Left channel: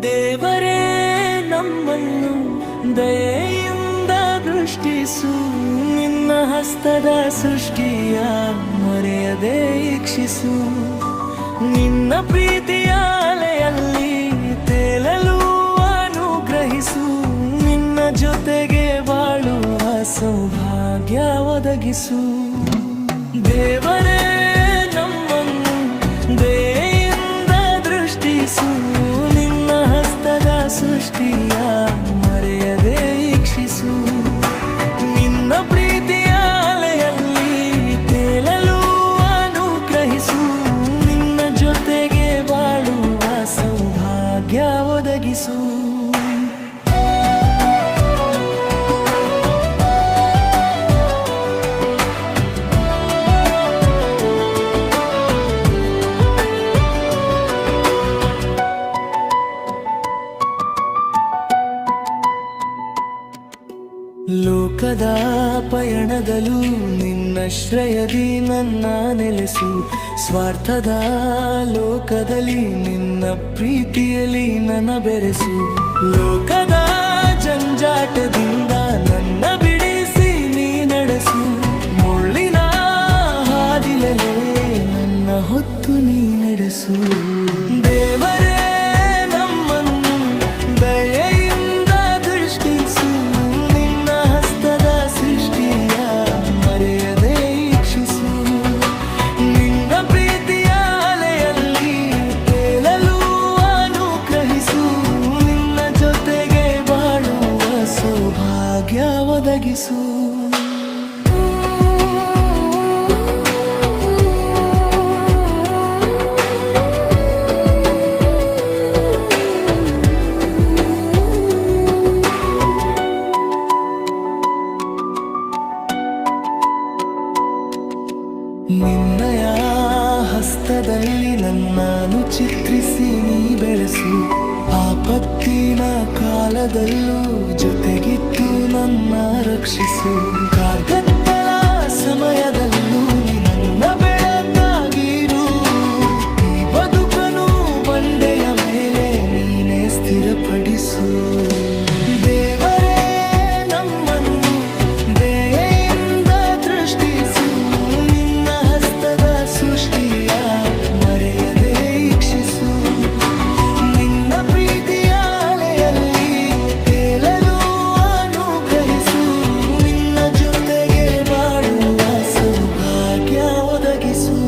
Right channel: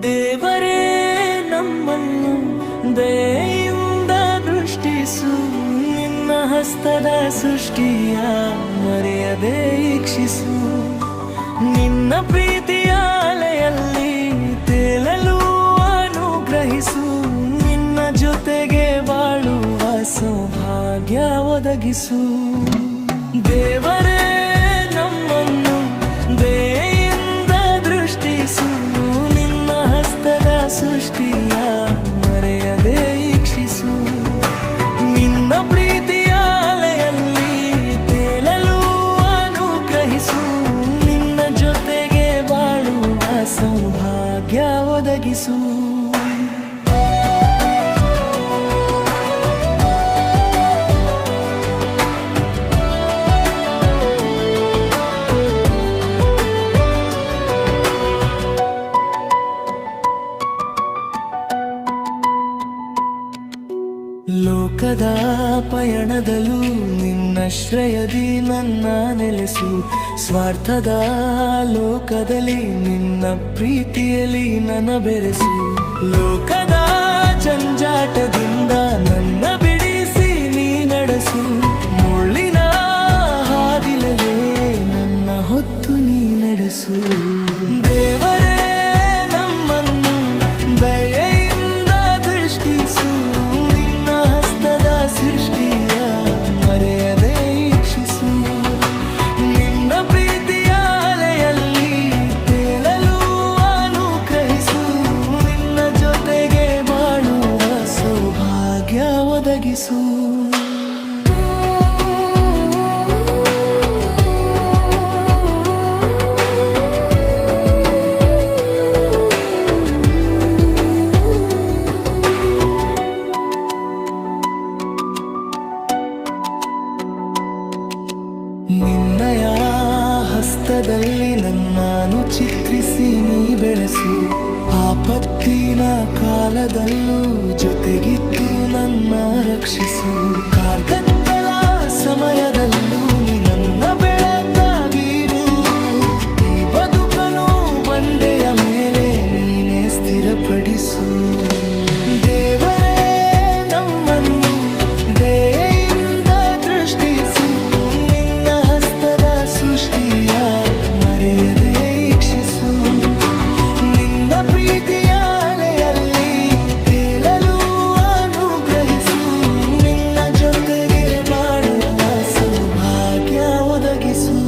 ದೇವರೇ ನಮ್ಮನ್ನು ದಯೆಯಿಂದ ದೃಷ್ಟಿಸು, ನಿನ್ನ ಹಸ್ತದ ಸೃಷ್ಟಿಯ ಮರೆಯದೆ ಈಕ್ಷಿಸು. ನಿನ್ನ ಪ್ರೀತಿಯ ಅಲೆಯಲ್ಲಿ ತೇಲಲು ಅನುಗ್ರಹಿಸು, ನಿನ್ನ ಜೊತೆಗೆ ಬಾಳುವ ಸೌಭಾಗ್ಯ ಒದಗಿಸು. ದೇವರೇ ನಮ್ಮನ್ನು ದಯೆಯಿಂದ ದೃಷ್ಟಿಸು, ನಿನ್ನ ಹಸ್ತದ ಸೃಷ್ಟಿಯ ಮರೆಯದೆ ಈಕ್ಷಿಸು. ನಿನ್ನ ಪ್ರೀತಿಯ ಅಲೆಯಲ್ಲಿ ತೇಲಲು ಅನುಗ್ರಹಿಸು, ನಿನ್ನ ಜೊತೆಗೆ ಬಾಳುವ ಸೌಭಾಗ್ಯ ಒದಗಿಸು. ಲೋಕದ ಪಯಣದಲ್ಲೂ ನಿನ್ನಶ್ರಯದಿ ನನ್ನ ನೆಲೆಸು, ಸ್ವಾರ್ಥದ ಲೋಕದಲ್ಲಿ ನಿನ್ನ ಪ್ರೀತಿಯಲ್ಲಿ ನನ್ನ ಬೆರೆಸು. ಲೋಕದ ಜಂಜಾಟದಿಂದ ನನ್ನ ಬಿಡಿಸಿ ನೀ ನಡೆಸು, ಮುಳ್ಳಿನ ಹಾದಿಲೇ ನನ್ನ ಹೊತ್ತು ನೀ ನಡೆಸು. ದೇವರೇ ನಮ್ಮನ್ನು ದಯೆಯಿಂದ ದೃಷ್ಟಿಸು, ನಿನ್ನ ಹಸ್ತದ ಸೃಷ್ಟಿಯ ಮರೆಯದೆ ಈಕ್ಷಿಸು. ನಿನ್ನ ಪ್ರೀತಿಯ ಅಲೆಯಲ್ಲಿ ತೇಲಲು ಅನುಗ್ರಹಿಸು, ನಿನ್ನ ಜೊತೆಗೆ ಬಾಳುವ ಸೌಭಾಗ್ಯ ಒದಗಿಸು. ನಿನ್ನಯ ಹಸ್ತದಲ್ಲಿ ನನ್ನನ್ನು ಚಿತ್ರಿಸಿ ನೀ ಬೆಳೆಸು, ಆಪತ್ತಿನ ಕಾಲದಲ್ಲೂ ಜೊತೆಗಿದ್ದು ನನ್ನ ರಕ್ಷಿಸು. ಕಾರ್ಗತ್ತಲ ಸಮಯದಲ್ಲೂ ನೀ ನನ್ನ ಬೆಳಕಾಗಿರು, ಈ ಬದುಕನು ಬಂಡೆಯ ಮೇಲೆ ನೀನೇ ಸ್ಥಿರಪಡಿಸು. ದೇವರೇ ನಮ್ಮನ್ನು ದಯೆಯಿಂದ ದೃಷ್ಟಿಸು, ನಿನ್ನ ಹಸ್ತದ ಸೃಷ್ಟಿಯ ಮರೆಯದೆ ಈಕ್ಷಿಸು. ನಿನ್ನ ಪ್ರೀತಿಯ ಅಲೆಯಲ್ಲಿ ತೇಲಲು ಅನುಗ್ರಹಿಸು, ನಿನ್ನ ಜೊತೆಗೆ ಬಾಳುವ ಸೌಭಾಗ್ಯ ಒದಗಿಸು.